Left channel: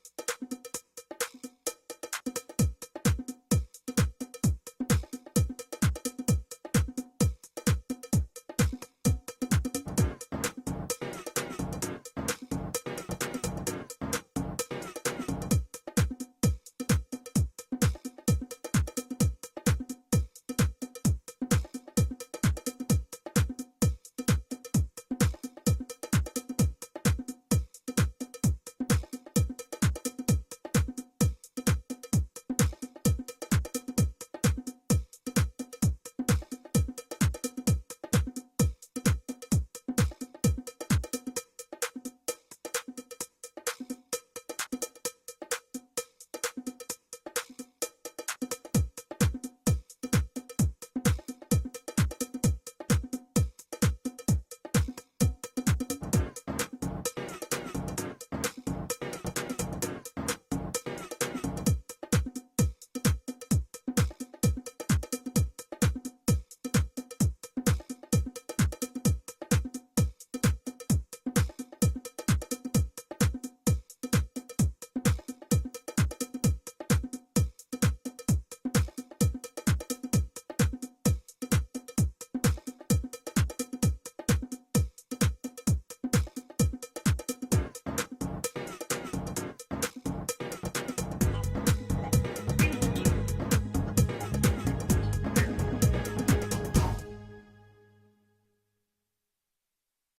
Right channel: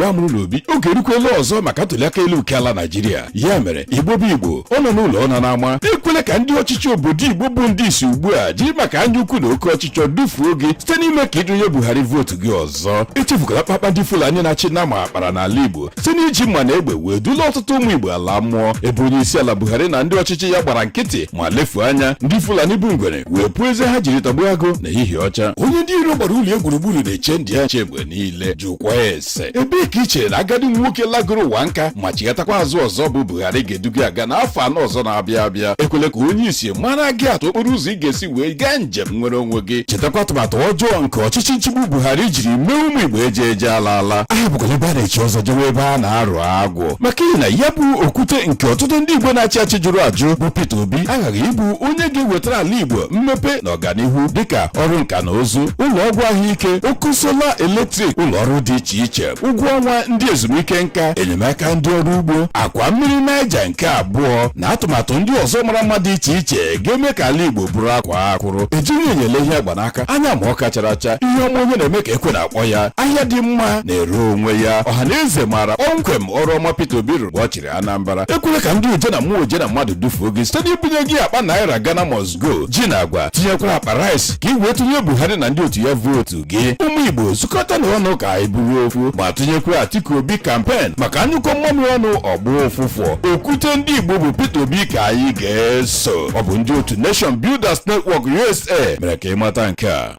Igbo amụrụ n'Obi oge erukwela ọzọ maka ntụliaka elu nke ala Naịjirịa. Ya mere Igbo bụ Igbo ọ nọ n'ụlọ ọ nọ n'ama ekwele ka ndị ọchịchị obodo Igbo bụ ndị isi ugbu a jiri maka anya ukwu na oke ọchịchọ dufuo gị site n'ime ka ịdụnye Buhari vootu gị ọzọ. Echefukwala kpakpando Fulani na-achị nama akpara n'ala Igbo site n'iji mma na egbe wee dula ọtụtụ ụmụ Igbo ala mmụọ ebe onye isi ala Buhari na ndị ọchịchị ya gbara nkịtị ma lefuo anya ndị Fulani bụ ngwere wee pụọ eze ha jiri tọgbuo agụ na ehihie ọcha. Onye ndị iro gbara ụlọ gburugburu na-eche ndị ya nche mgbe niile jụkwa ese ebee ka i chere na agadi nwoke lagoro ụwa nka ma chigatakwa azụ ọzọ bụ Buhari ga-eduga aga n'afọ anọ ọzọ na-abịa abịa. Ekwele ka onye isi mara gị atụ okporo ụzọ ị ga-esi wee gaa njem nwere onwe gị. Chetakwa atụmatụ ọjọọ nke ọchịchị nchigbu Buhari jiri mee ụmụ Igbo eje ala. Aha bụkwara ebe a na-echi ọzọ jewe ebe a na-arụ agwụ maka ihe na ya bụ okwute nke ọtụtụ ndị Igbo na-achị achị jụrụ ajụ bụ Peter Obi aghaghị ịbụ onye ga-ewetara ala Igbo mmepe na ọganihu dịka ọrụ nka na ụzụ, ụlọ ọgwụ ahụike, ọkụ sola eletrik, ụlọ ọrụ dị iche iche, ụgwọ ọnwa ndị ezumike nka, enyemaka ndị ọrụ ugbo, akwa mmiri Naija nke abụọ na atụmatụ ndị ọzọ mara mma dị iche iche ga-eme ka ala Igbo bụrụ akwa akwụrụ. Ejighị enyele ihe agba n'aka anya ma ọ kachara acha ihe ọma onye na-eme ka ekwe na-akpọ ya ahịa dị mma na-ere onwe ya. Ọhaneze maara kpọmkwem ọrụ ọma Peter Obi rụrụ mgbe ọ chịrị Anambra. Ekwere ka ndị uje na mmụọ uje na mmadụ dufuo gị site n'ibunye gị akpa naira Ghana must go ji na agwa tinyekwara akpa rice ka ị wee tụnye Buhari na ndị otu ya vootu gị. Ụmụ Igbo zukọta n'ọnụ ka anyị buru okwu ma tụnyekwa Atiku Obi kampen maka anyụkọ mmanụ ọnụ ọgbụ ụfụfụ. Okwute ndị Igbo bụ Peter Obi ka anyị ga-eso. Ọ bụ ndị otu Nation Builders Network USA mere ka ị mata nke a.